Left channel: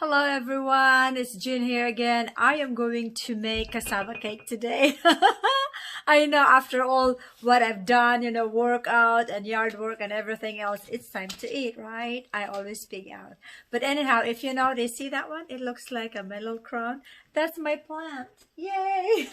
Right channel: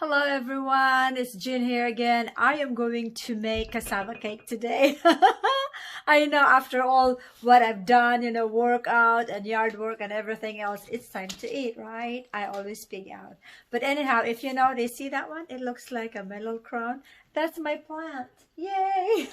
Hello everyone, it's Jin here again. I am going to make cassava cake today. I know after all what I've done, workout and yard work and everything else, it's time to eat, right? I always speak out. But anyhow, if you notice, see that one? It looks like a metal crown. That's my plant. Yay!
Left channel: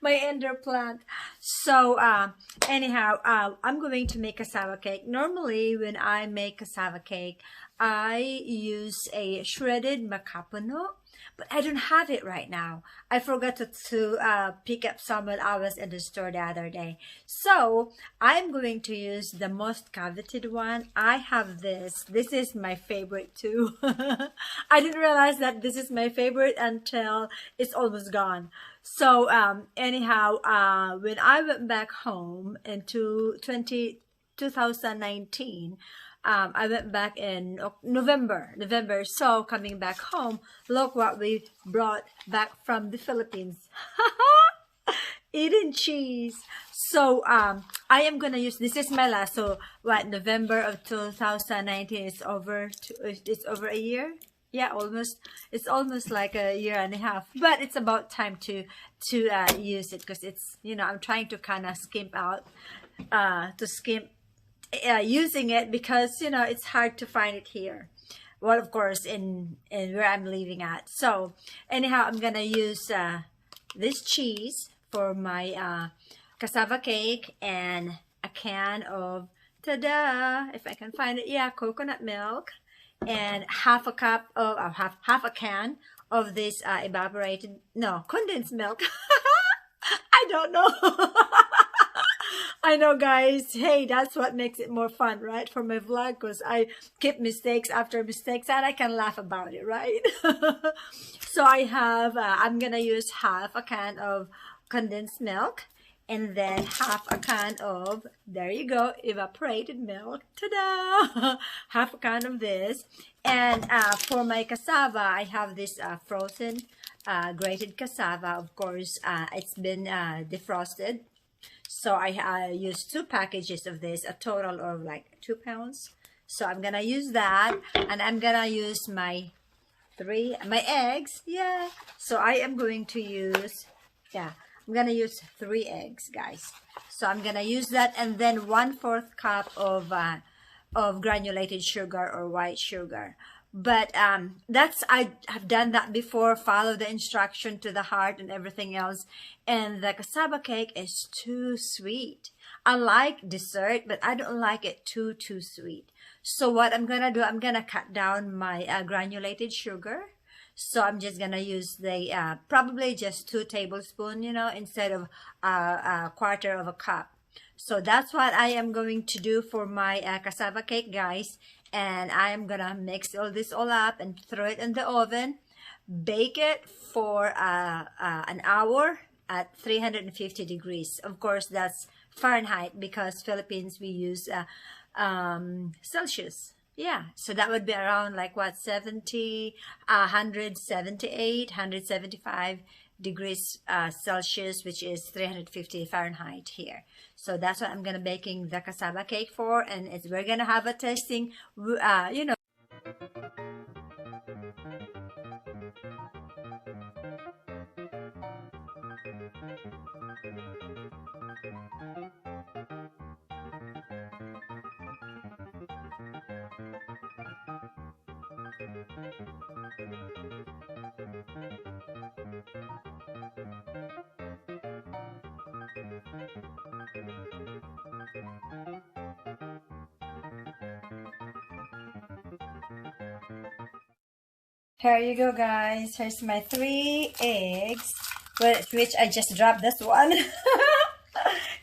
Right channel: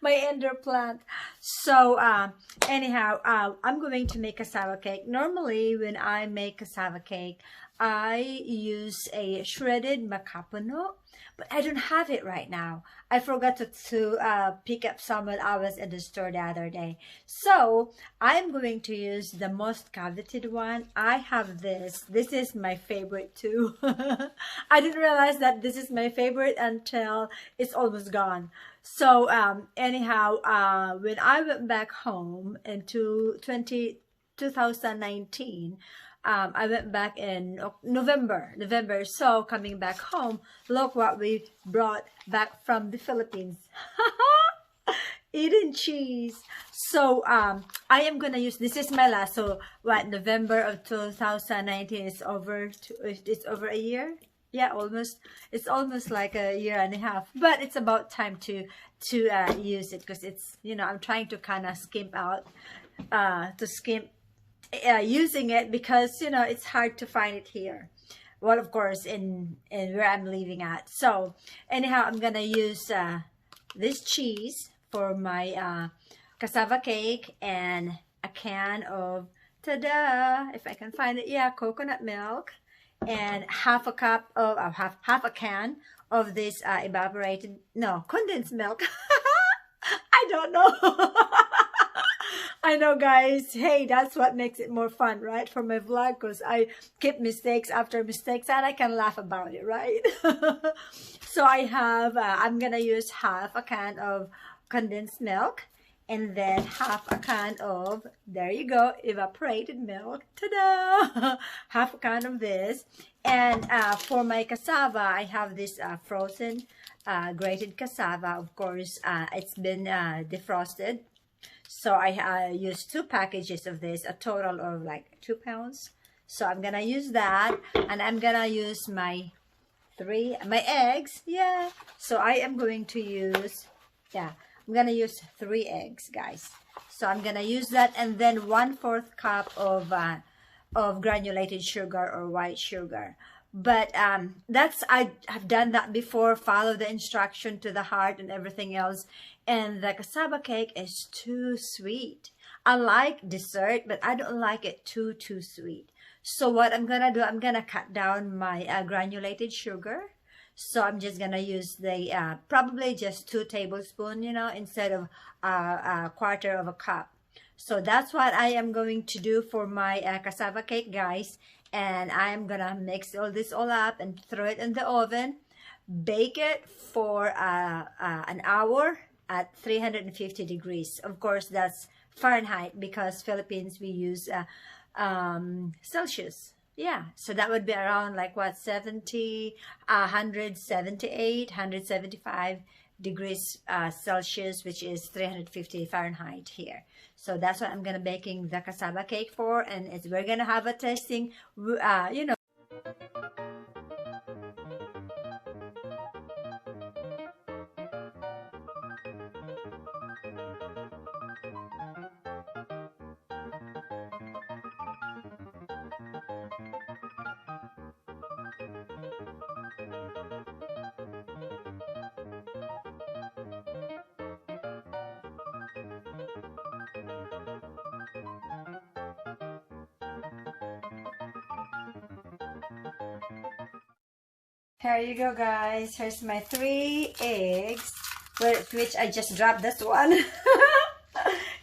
My indoor plant. So, I'm going to make cassava cake. Normally, when I make cassava cake, I use a shredded macapano, but I don't have it right now. I forgot to pick up some when I was in the store the other day. So I'm going to use the most coveted one. I have this. This is my favorite too. I didn't realize that this is my favorite until it's almost gone. So when I went back home into 2019, I went back in November. So coming back home, look what we brought back from the Philippines. Eating cheese. So I am gonna use, this is my last. So what, November of 2019 is over. It's over a year. Yeah, almost. It's almost like a year and a half. But it's about time to use it, because it's, I'm trying to kind of skimp out, using it, because it's hard to find it here. Well, of course, in where I'm living at. So anyhow, I'm gonna use this cheese for my cassava cake, and a can of, ta-da, if I can find it, yeah, coconut milk, and half a cup of half a can of this condensed milk. I don't know. I know, guys. Hey, that's what makes it more fun, right? For my vlog, because I keep mistakes after mistakes, and I can laugh about it, right? So I have, I'm gonna use half a can of condensed milk, and then half a can of, there you go, evaporated milk. Ta-da! Half a can of this. And for my cassava, I have this frozen grated cassava. Of course, it's been defrosted. So I used 2 packages of this, a total of like 2 pounds. So I'm gonna use that, and I'm gonna use my eggs. Yeah. So I am going to use, I'm gonna use 3 eggs, guys. So I'm gonna use that, and then 1/4 cup of granulated sugar or white sugar. But I have done that before, follow the instruction to the heart and everything else. And the cassava cake is too sweet. I like dessert, but I don't like it too sweet. So what I'm gonna do, I'm gonna cut down my granulated sugar. So I'm just gonna use the probably just 2 tablespoons, instead of a 1/4 of a cup. So that's what I am going to do for my cassava cake, guys. And I'm gonna mix all up and throw it in the oven. Bake it for an hour at 350 degrees. Of course, that's Fahrenheit, because Philippines we use Celsius. Yeah, so that would be around like what, 175 degrees Celsius, which is 350 Fahrenheit here. So that's what I'm gonna baking the cassava cake for, and we're gonna have a tasting. Here you go, guys. Here's my 3 eggs, which I just dropped this one.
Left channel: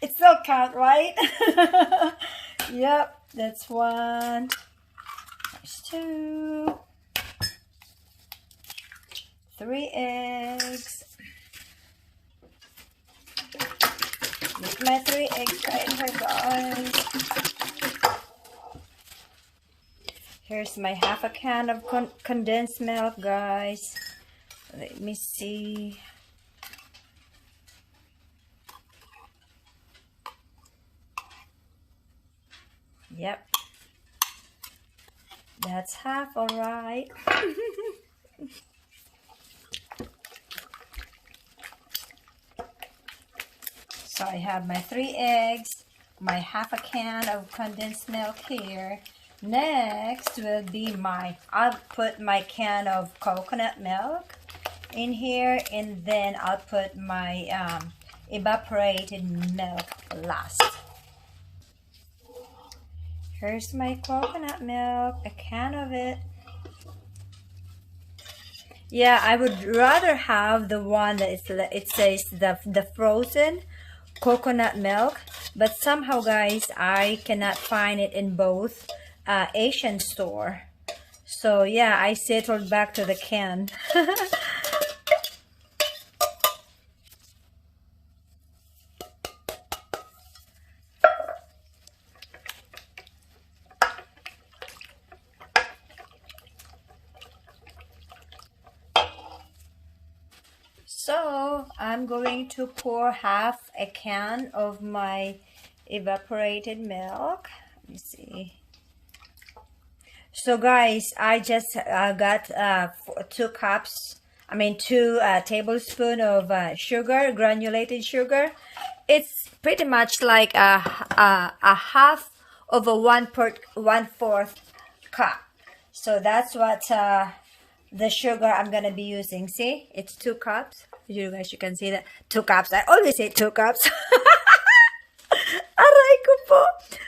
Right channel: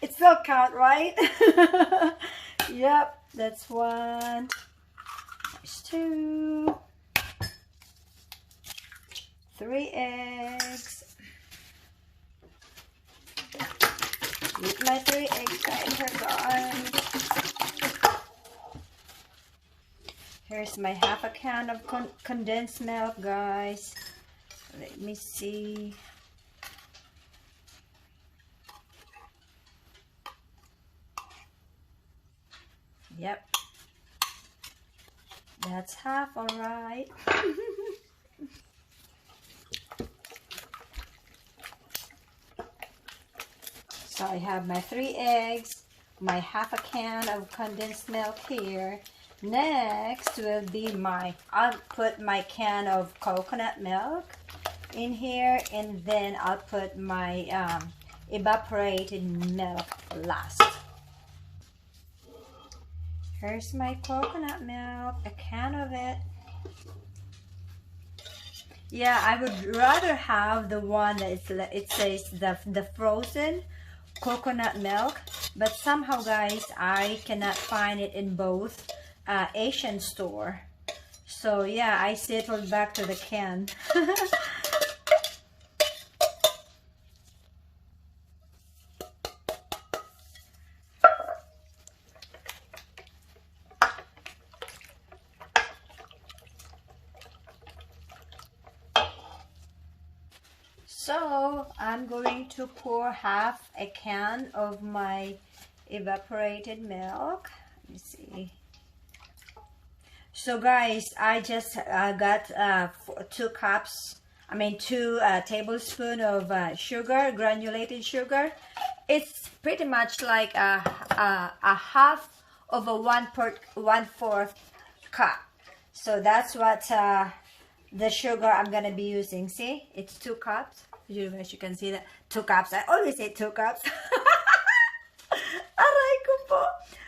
It still count, right? Yep, that's 1. There's 2. 3 eggs. With my 3 eggs right here, guys. Here's my half a can of condensed milk, guys. Let me see. Yep. That's half, all right. So I have my 3 eggs, my half a can of condensed milk here. Next will be I'll put my can of coconut milk in here, and then I'll put my evaporated milk last. Here's my coconut milk, a can of it. Yeah, I would rather have the one that it says the frozen coconut milk, but somehow, guys, I cannot find it in both Asian store. So yeah, I settled back to the can. So I'm going to pour half a can of my evaporated milk. Let me see. So guys, I just got 2 tablespoons of sugar, granulated sugar. It's pretty much like a half of a 1/4 cup. So that's what the sugar I'm gonna be using. See, it's 2 cups. You guys, you can see that 2 cups. I always say 2 cups. Aray ko po.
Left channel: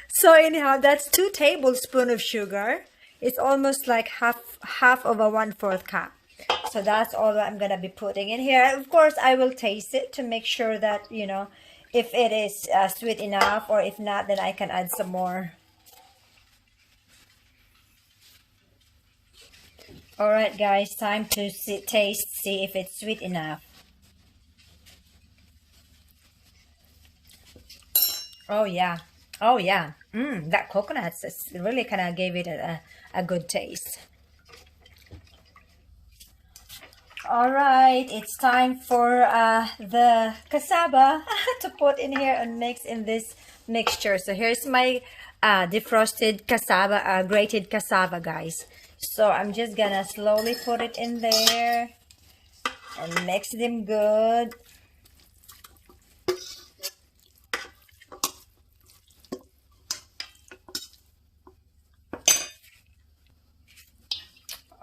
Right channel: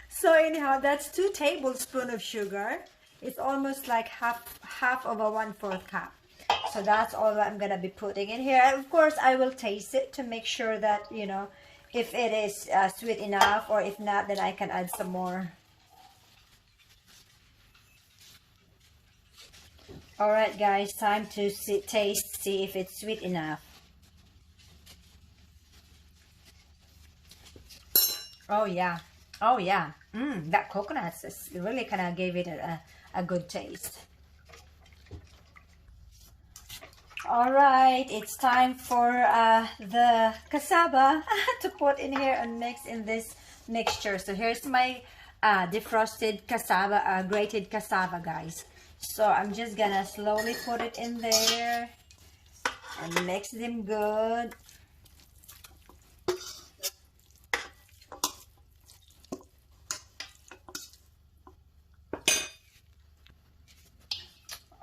So anyhow, that's 2 tablespoons of sugar. It's almost like half of a 1/4 cup. So that's all I'm gonna be putting in here. Of course, I will taste it to make sure that, you know, if it is sweet enough, or if not, then I can add some more. All right, guys, time to taste, see if it's sweet enough. Oh yeah, oh yeah. That coconut really kind of gave it a good taste. All right, it's time for the cassava to put in here and mix in this mixture. So here's my defrosted cassava, grated cassava, guys. So I'm just gonna slowly put it in there and mix them good.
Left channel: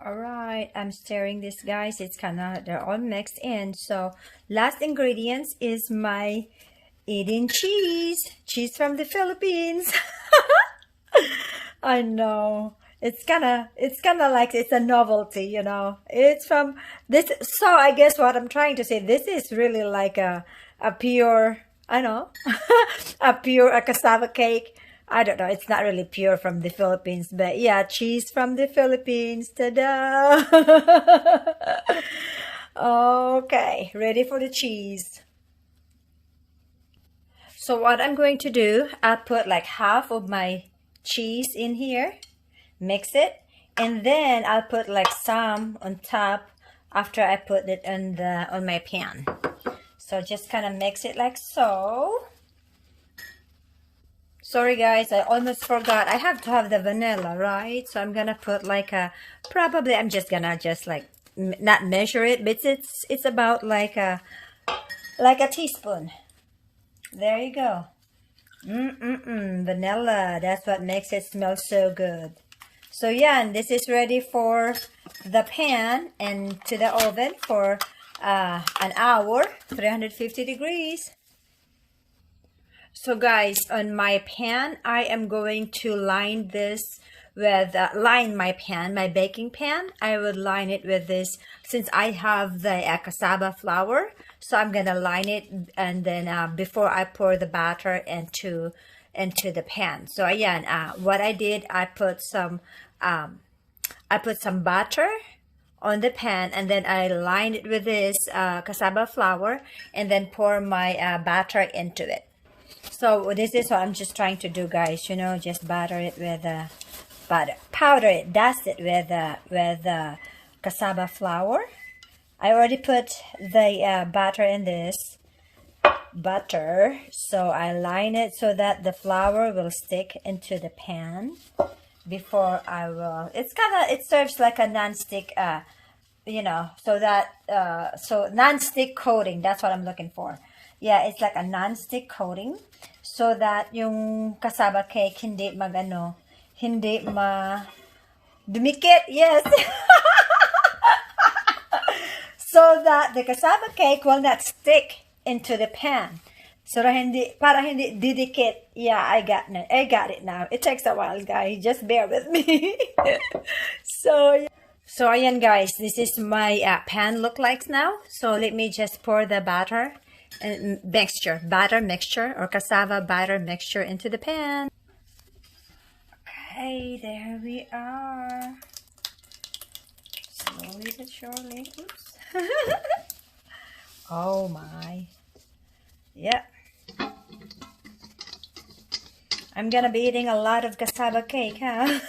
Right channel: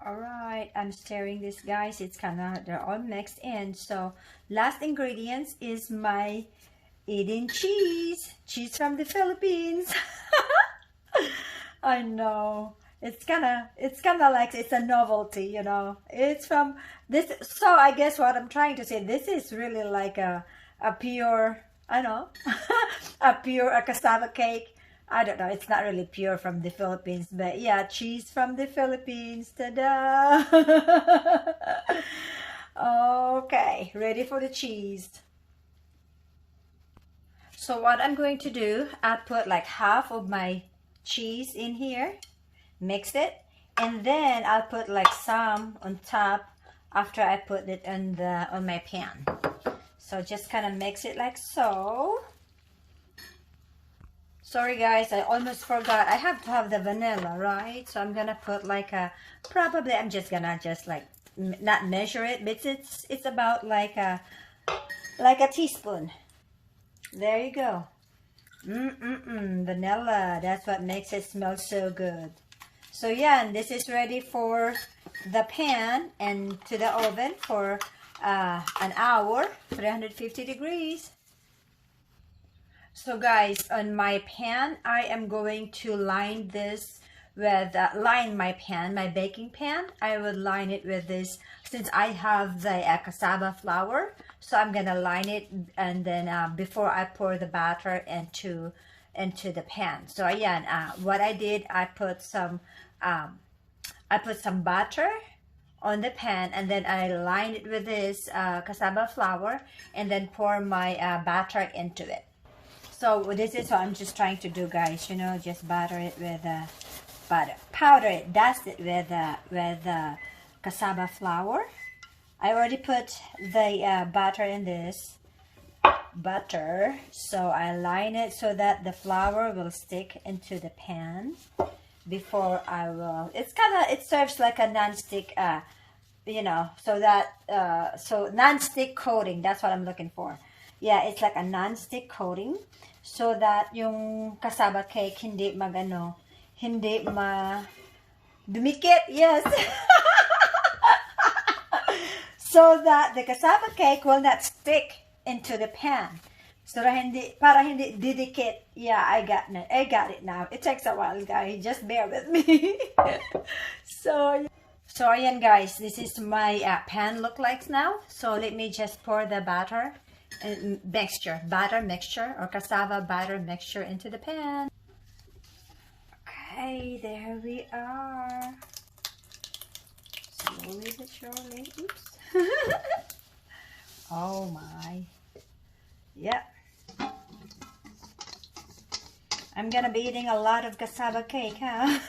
All right, I'm stirring this, guys. It's they're all mixed in. So last ingredients is my eating cheese from the Philippines. I know. It's kind of like it's a novelty, you know. It's from this. So I guess what I'm trying to say, this is really like a pure, I know, a cassava cake. I don't know, it's not really pure from the Philippines, but yeah, cheese from the Philippines. Ta-da! Okay, ready for the cheese. So what I'm going to do, I'll put like half of my cheese in here, mix it, and then I'll put like some on top after I put it on my pan. So just kind of mix it like so. Sorry guys, I almost forgot. I have to have the vanilla, right? So I'm gonna put like probably I'm just gonna like not measure it, but it's about like a teaspoon. There you go. Vanilla. That's what makes it smell so good. So yeah, and this is ready for the pan and to the oven for an hour, 350 degrees. So guys, on my pan, I am going to line this with, my baking pan. I would line it with this, since I have the cassava flour. So I'm gonna line it, and then before I pour the batter into the pan. So again, what I did, I put some butter on the pan, and then I lined it with this cassava flour, and then pour my batter into it. So this is what I'm just trying to do, guys. You know, just batter it with powder it, dust it with cassava flour. I already put the batter in this butter, so I line it so that the flour will stick into the pan before I will. It serves like a non-stick you know, so that so non-stick coating, that's what I'm looking for. Yeah, it's like a non-stick coating so that yung cassava cake hindi magano, hindi ma dumikit. Yes. So that the cassava cake will not stick into the pan. So para hindi didikit. Yeah, I got it now. It takes a while, guys. Just bear with me. So so ayan guys, this is my pan look like now. So let me just pour the batter and batter mixture or cassava batter mixture into the pan. Okay, there we are. Slowly but surely. Oops. Oh my. Yep. I'm gonna be eating a lot of cassava cake, huh?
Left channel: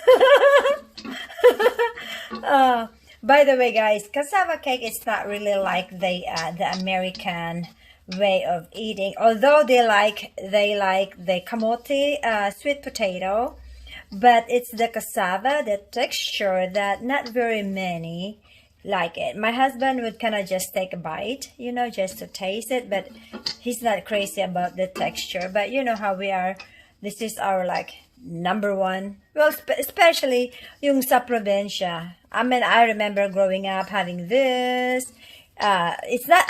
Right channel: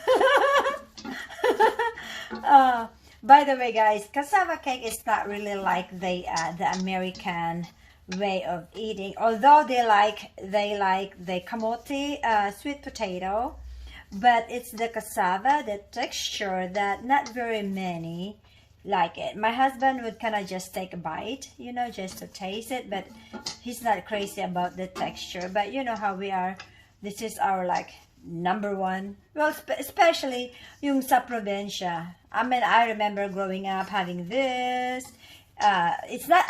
By the way, guys, cassava cake is not really like the American way of eating. Although they like the kamote, sweet potato, but it's the cassava, the texture that not very many like it. My husband would kind of just take a bite, you know, just to taste it, but he's not crazy about the texture. But you know how we are. This is our like number one. Well, especially yung sa probinsya. I mean, I remember growing up having this. It's not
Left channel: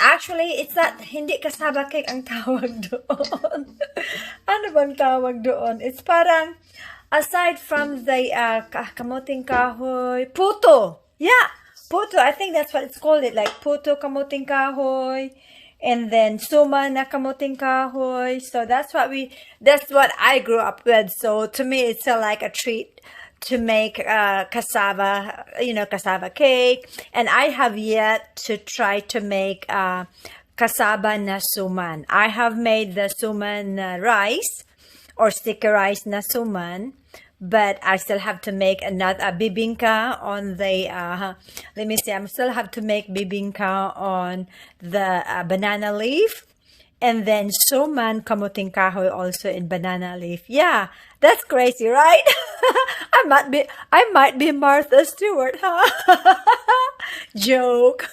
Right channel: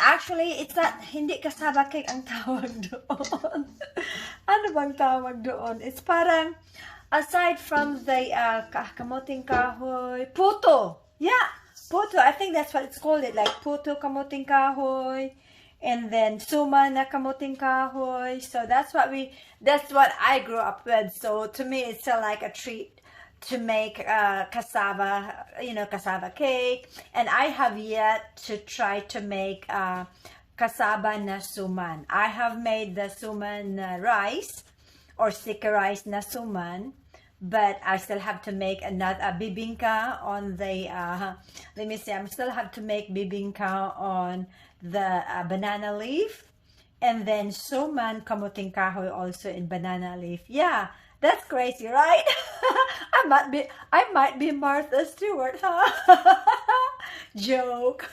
hindi cassava cake ang tawag doon. Ano bang tawag doon? It's parang, aside from the kamuting kahoy, puto. Yeah, puto. I think that's what it's called. It like puto kamuting kahoy, and then suma na kamuting kahoy. So that's what I grew up with. So to me, it's like a treat to make cassava, you know, cassava cake. And I have yet to try to make cassava na suman. I have made the suman rice or sticky rice na suman, but I still have to make another bibingka on the let me see, I still have to make bibingka on the banana leaf, and then suman kamuting kahoy also in banana leaf. Yeah, that's crazy, right? I might be Martha Stewart, huh? Joke.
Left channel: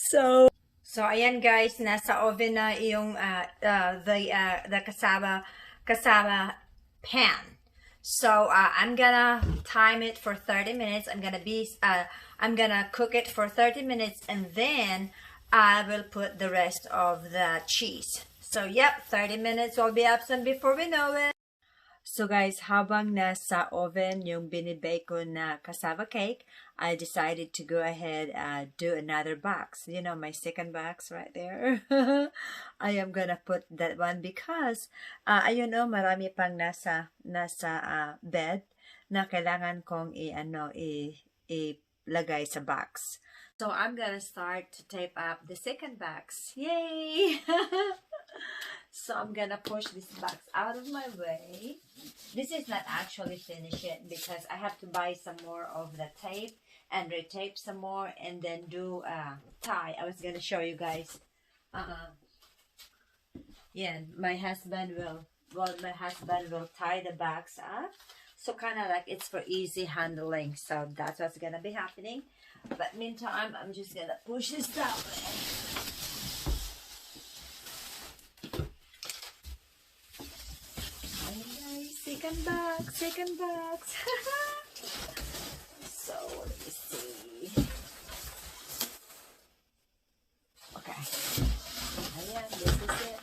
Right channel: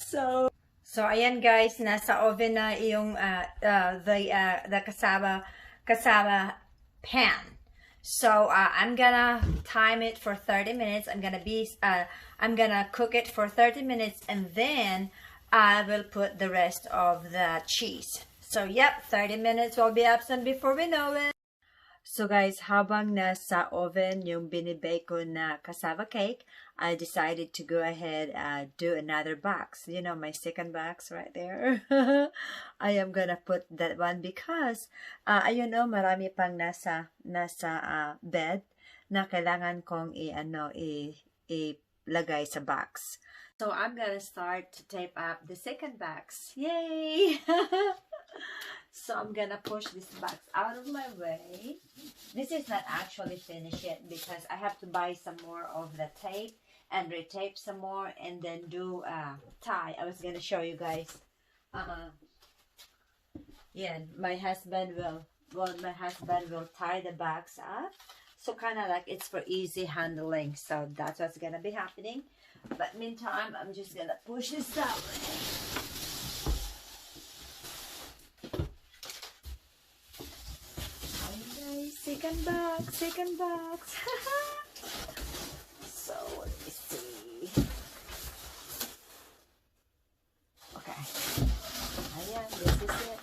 So ayan guys, nasa oven na yung the cassava pan. So I'm gonna time it for 30 minutes. I'm gonna cook it for 30 minutes, and then I will put the rest of the cheese. So yep, 30 minutes will be absent before we know it. So guys, habang nasa oven yung binibake ko na cassava cake, I decided to go ahead and do another box. You know, my second box right there. I am gonna put that one because, ayun o, marami pang nasa bed na kailangan kong ilagay sa box. So I'm gonna start to tape up the second box. Yay! So I'm gonna push this box out of my way. This is not actually finished yet because I have to buy some more of the tape and retape some more and then do tie. I was gonna show you guys. Yeah, my husband will tie the box up. So kind of like it's for easy handling. So that's what's gonna be happening. But meantime, I'm just gonna push this down. Second box. So let me see. Okay. Ayan, this is it.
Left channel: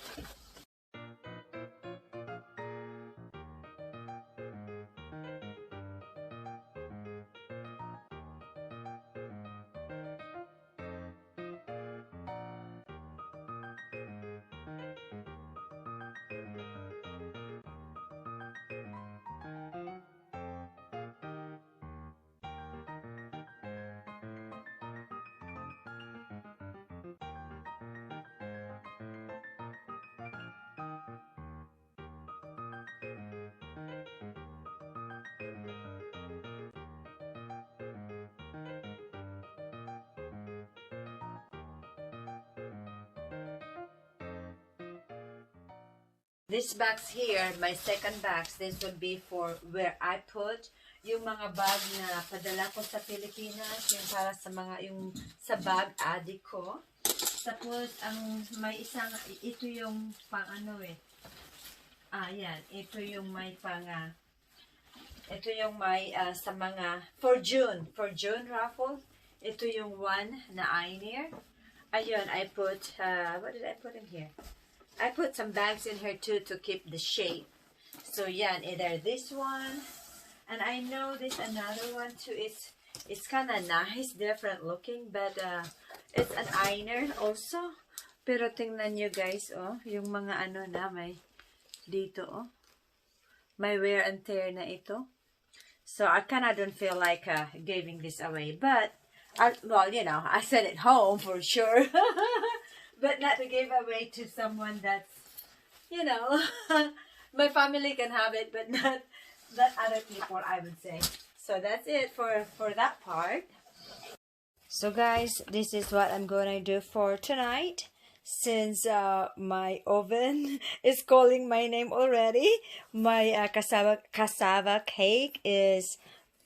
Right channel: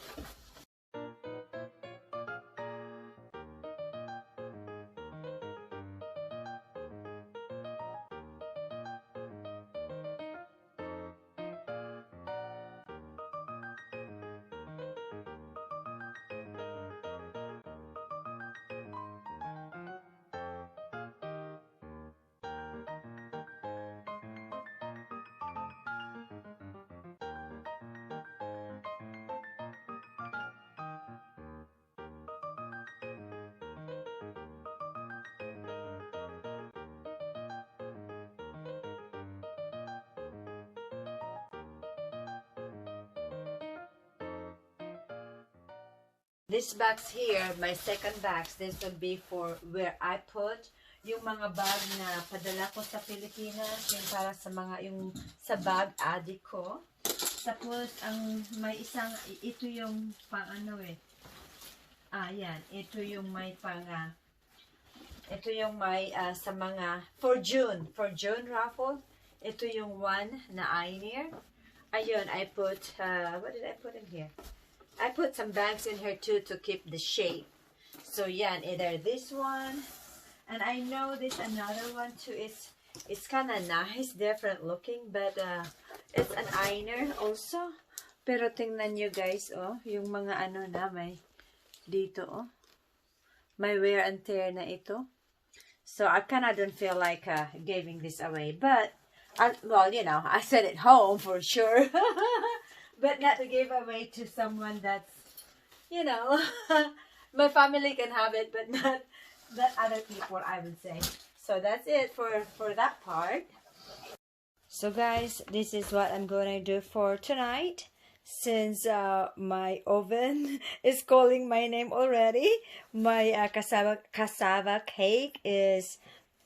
This box here, my second box, this would be for where I put yung mga bag na padala ko sa Pilipinas, yung para sa mga, yung sa bag adik ko. Tapos, may isang, ito yung pang ano eh. Yan. Ito yung may pang, ito yung may sa mga, for June raffle. Ito yung one na eyeliner. Ayun, I put, what did I put in here? I put some bags in here too to keep the shape. So, yan, either this one, and I know this another one too. It's kind of nice, different looking, but it's an eyeliner also. Pero tingnan nyo guys, oh, yung mga ano na may dito, oh. May wear and tear na ito. So, I kind of don't feel like giving this away. But, well, you know, I sent it home for sure. But not to give away to someone that's, you know, my family can have it, but not other people, I would say. So that's it for that part. So guys, this is what I'm gonna do for tonight. Since my oven is calling my name already, my cassava cake is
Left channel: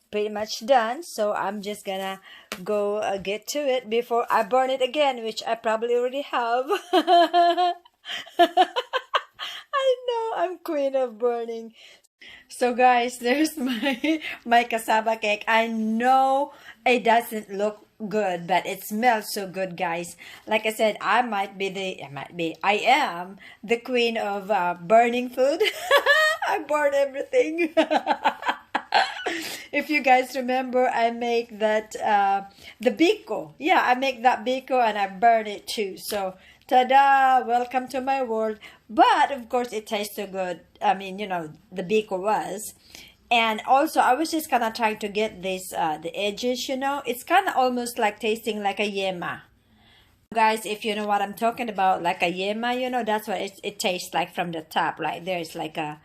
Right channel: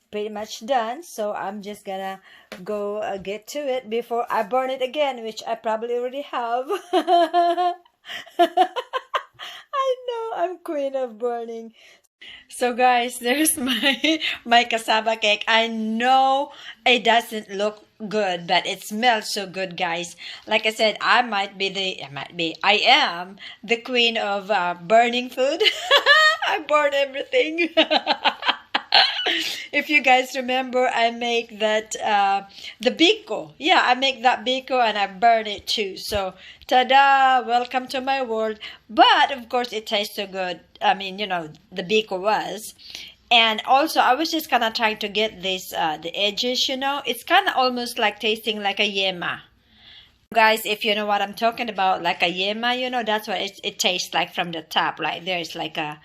pretty much done. So I'm just gonna go get to it before I burn it again, which I probably already have. I know, I'm queen of burning. So guys, there's my cassava cake. I know it doesn't look good, but it smells so good, guys. Like I said, I am the queen of burning food. I burn everything. If you guys remember, I make that the biko. Yeah, I make that biko and I burn it too. So, ta-da! Welcome to my world. But of course, it tastes so good. I mean, you know, the biko was. And also, I was just kind of trying to get this the edges. You know, it's kind of almost like tasting like a yema. Guys, if you know what I'm talking about, like a yema, you know, that's what it tastes like from the top. Right there, it's like a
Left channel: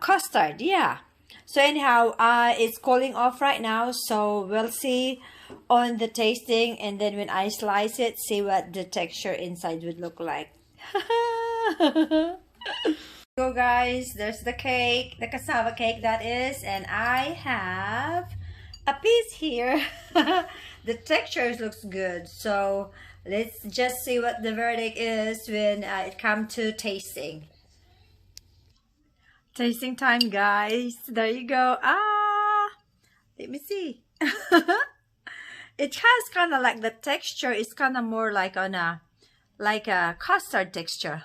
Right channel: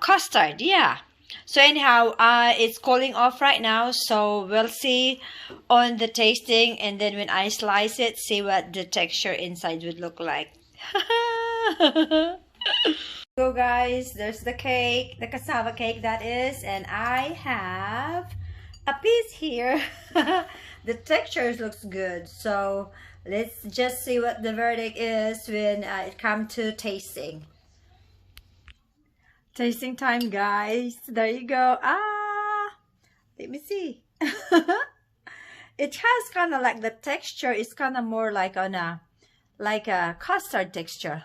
custard. Yeah. So anyhow, it's cooling off right now, so we'll see on the tasting, and then when I slice it, see what the texture inside would look like. So guys, there's the cake, the cassava cake that is, and I have a piece here. The texture looks good, so let's just see what the verdict is when it comes to tasting. Tasting time, guys. There you go. Let me see. It has kind of like the texture is kind of more like on a custard texture.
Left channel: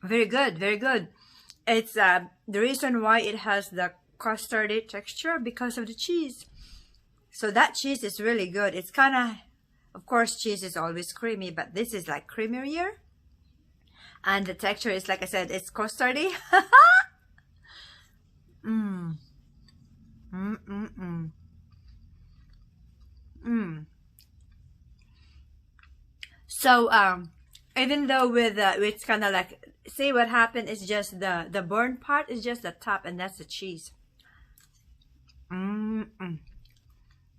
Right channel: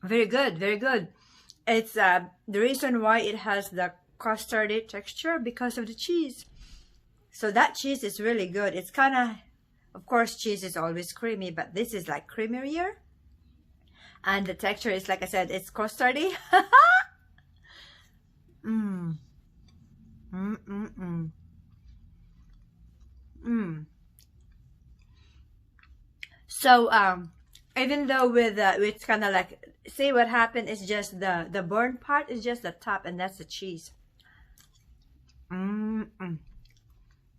Very good, very good. It's the reason why it has the custardy texture because of the cheese. So that cheese is really good. It's kind of course, cheese is always creamy, but this is like creamier. And the texture is, like I said, it's custardy. So, even though with it's kind of like, see what happened is just the burnt part is just the top, and that's the cheese.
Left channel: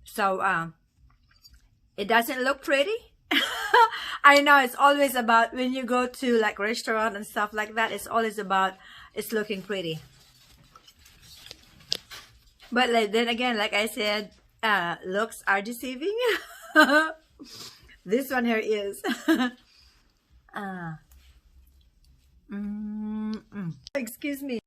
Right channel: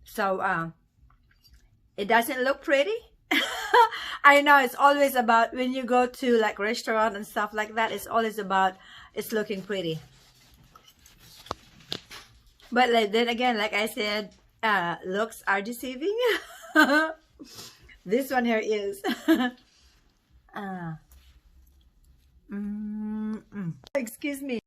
So, it doesn't look pretty. I know it's always about when you go to like restaurant and stuff like that, it's always about it's looking pretty. But then again, like I said, looks are deceiving. This one here is. Excuse me.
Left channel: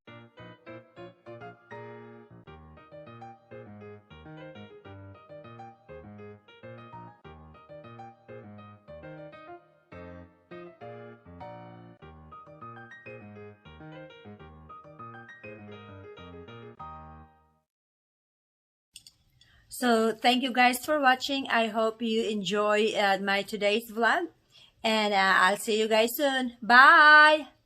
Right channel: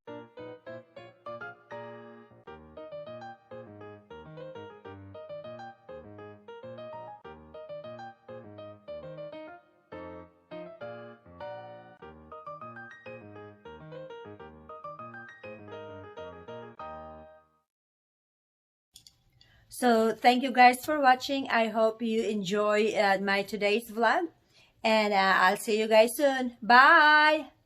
So thank you guys for watching. I hope you enjoy my today's vlog, and I'll see you guys soon. Bye.